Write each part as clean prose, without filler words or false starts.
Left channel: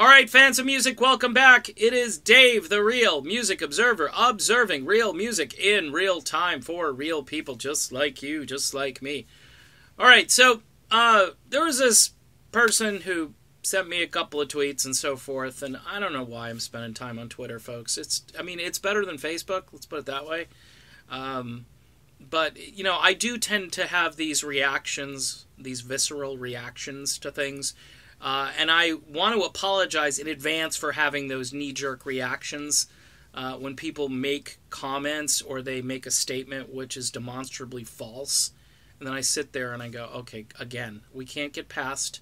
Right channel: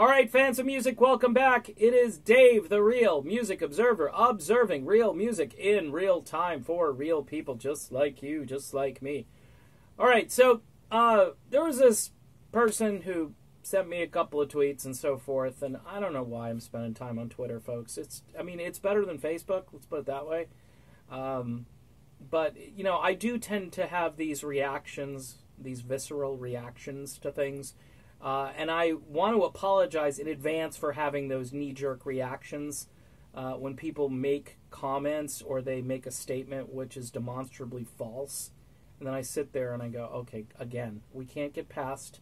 All right, fans of music, welcome back. It is Dave, the Real Music Observer, observing real music in real time for real people just like you, just like me. All right, so there was this person who sent me a couple of tweets and so forth, and I don't know why I'm spending time on Twitter, folks. It's better than Facebook, let's put it that way. But, you know, I do tend to have these reactions, these visceral reactions to things. And I want to apologize in advance for having those knee-jerk reactions when people make comments or they make a statement which is demonstrably false. And then I sit there and I go, okay, again, we can't get past,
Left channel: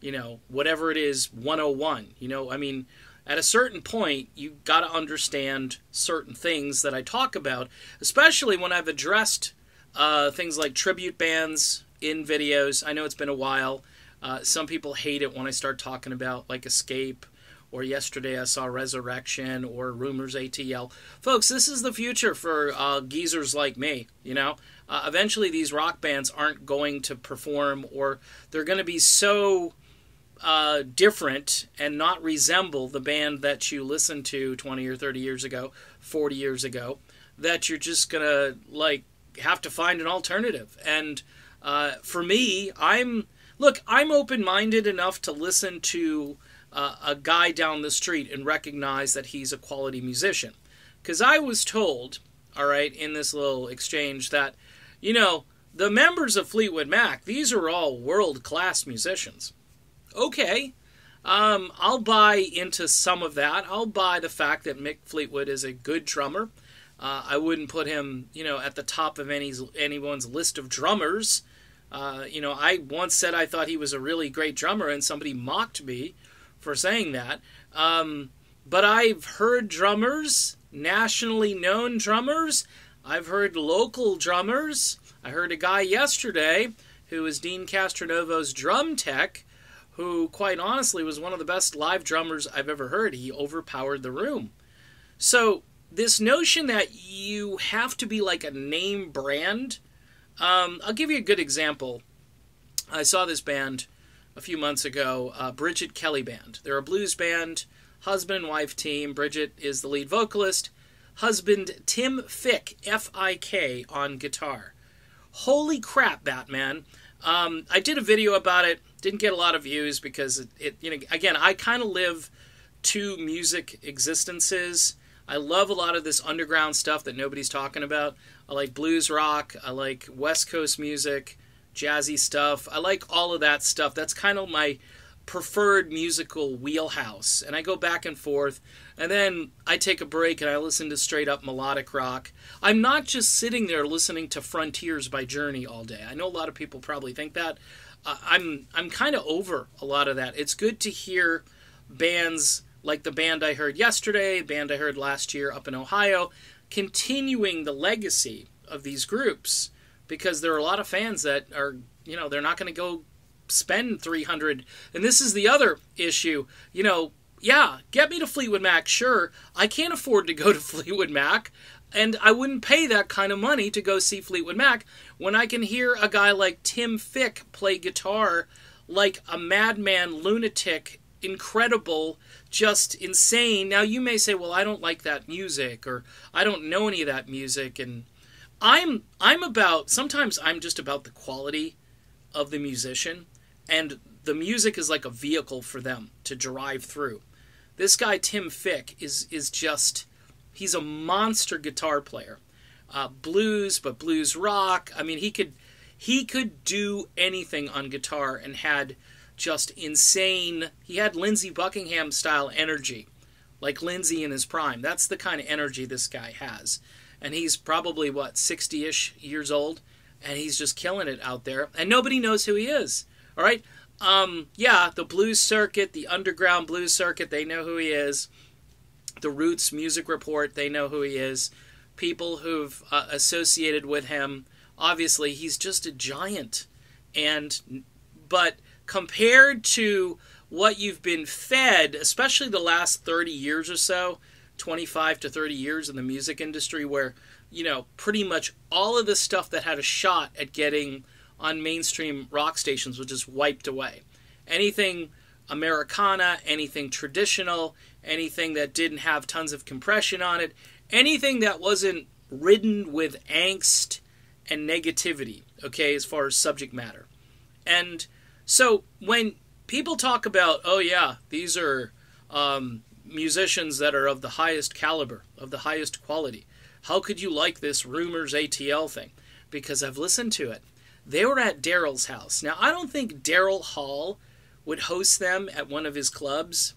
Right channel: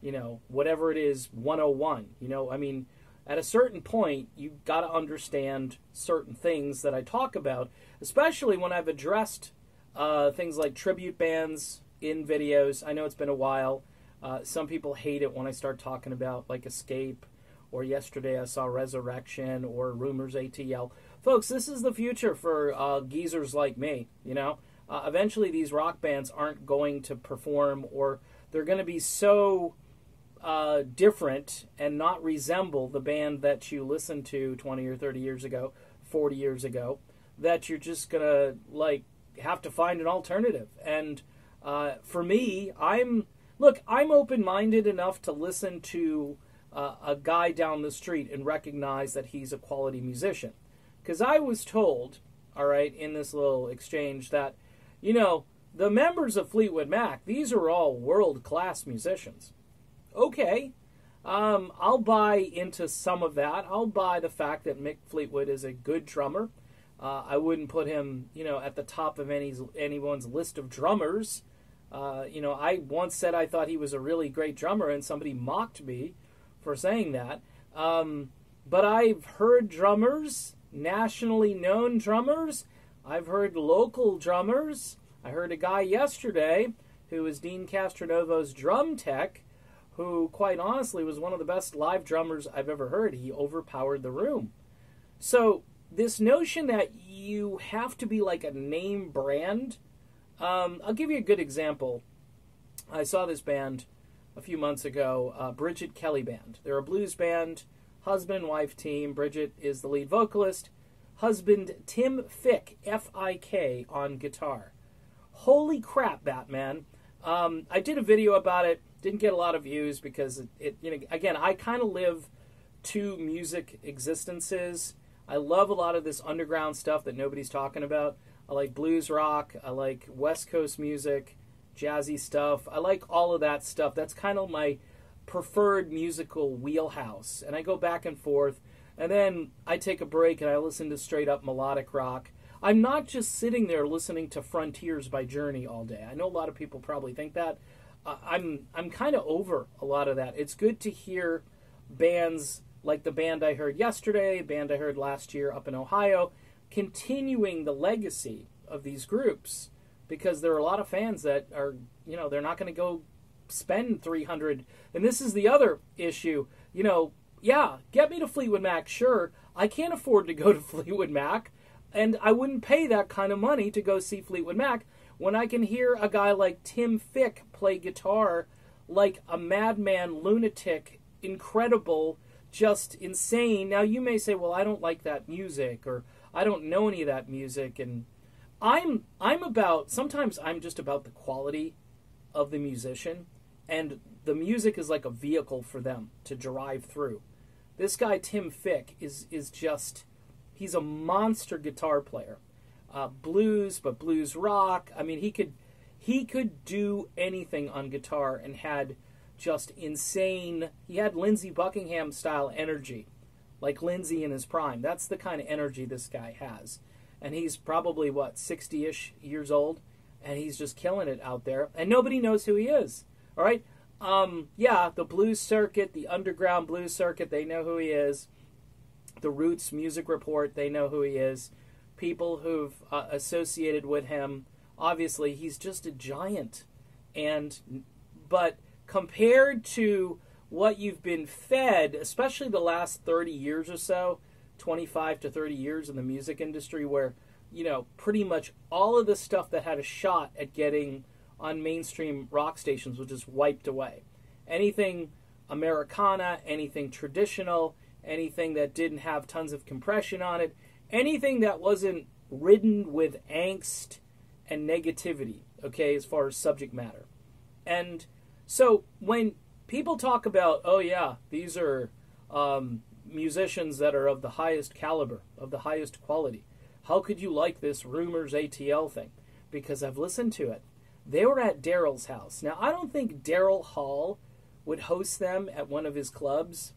you know, whatever it is, 101. You know, I mean, at a certain point, you got to understand certain things that I talk about, especially when I've addressed things like tribute bands in videos. I know it's been a while. Some people hate it when I start talking about like Escape, or yesterday I saw Resurrection, or Rumors ATL. Folks, this is the future for geezers like me, you know. Eventually these rock bands aren't going to perform, or they're going to be so different and not resemble the band that you listened to 20 or 30 years ago, 40 years ago, that you're just going to like have to find an alternative. And for me, I'm open-minded enough to listen to a guy down the street and recognize that he's a quality musician. Because I was told, all right, in this little exchange that, you know, the members of Fleetwood Mac, these are all world-class musicians. Okay, I'll buy into some of that. I'll buy the fact that Mick Fleetwood is a good drummer. I wouldn't put him, you know, at the top of anyone's list of drummers. You know, I once said I thought he was a really great drummer, and somebody mocked me for saying that. But I've heard drummers, nationally known drummers. I've heard local drummers. I heard a guy yesterday who was Dean Castronovo's drum tech, who quite honestly was one of the best live drummers I've ever heard. He overpowered the room. So this notion that you have to be like a name brand, I'll give you a good example. I saw this band a few months ago, Bridget Kelly Band. They're a blues band, husband and wife team. Bridget is the lead vocalist. Husband Tim Fick, F-I-K, on guitar. Holy crap, Batman. I did a video about it. Didn't get a lot of views because it you know, again, I kind of live two music existences. I love a lot of this underground stuff that nobody's talking about. I like blues rock. I like West Coast music, jazzy stuff. I like all of that stuff. That's kind of my preferred musical wheelhouse. And I go back and forth. And then I take a break and I listen to straight up melodic rock. I'm not just sitting there listening to Frontiers by Journey all day. I know a lot of people probably think that. I'm kind of over a lot of that. It's good to hear bands like the band I heard yesterday, the band I heard last year up in Ohio, continuing the legacy of these groups, because there are a lot of fans that are, you know, they're not going to go spend $300. And this is the other issue, you know, yeah, get me to Fleetwood Mac, sure. I can't afford to go to Fleetwood Mac, and I wouldn't pay that kind of money to go see Fleetwood Mac when I can hear a guy like Tim Fick play guitar like a madman, lunatic, incredible, just insane. Now, you may say, well, I don't like that music, or I don't know any of that music, and sometimes I'm just about the quality of the musician, and the music is like a vehicle for them to drive through. This guy, Tim Fick, is just, he's a monster guitar player. Blues, but blues rock. I mean, he could do anything on guitar and had just insane, he had Lindsey Buckingham style energy, like Lindsey in his prime. That's the kind of energy this guy has. And he's probably, 60-ish years old, and he's just killing it out there, and nobody knows who he is. All right? Yeah, the blues circuit, the underground blues circuit, they know who he is. The Roots Music Report, they know who he is. People who've associated with him, obviously, he's just a giant. But compared to what you've been fed, especially the last 30 years or so, 25 to 30 years in the music industry, where, you know, pretty much all of the stuff that had a shot at getting on mainstream rock stations was just wiped away. Anything Americana, anything traditional, anything that didn't have tons of compression on it, anything that wasn't ridden with angst and negativity, okay, as far as subject matter. And so when people talk about, oh yeah, these are musicians that are of the highest caliber, of the highest quality, how could you like this Rumors ATL thing? Because I've listened to it. They were at Daryl's house. Now, I don't think Daryl Hall would host them at one of his clubs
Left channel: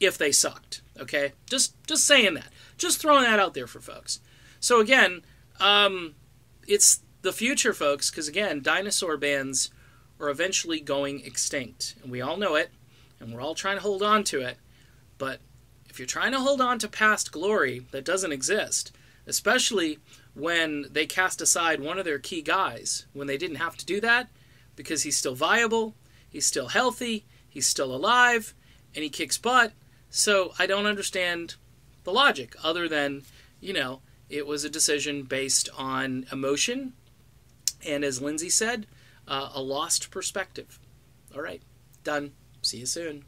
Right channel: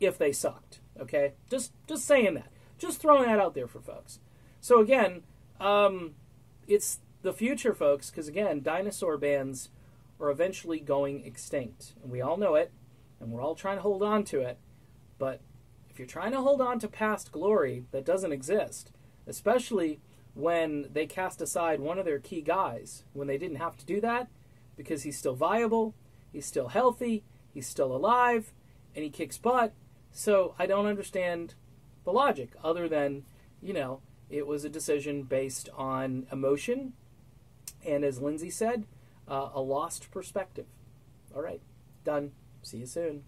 if they sucked, okay? Just saying that. Just throwing that out there for folks. So again, it's the future, folks, because again, dinosaur bands are eventually going extinct. And we all know it, and we're all trying to hold on to it. But if you're trying to hold on to past glory that doesn't exist, especially when they cast aside one of their key guys, when they didn't have to do that, because he's still viable, he's still healthy, he's still alive, and he kicks butt. So I don't understand the logic, other than, it was a decision based on emotion, and as Lindsay said, a lost perspective. All right, done. See you soon.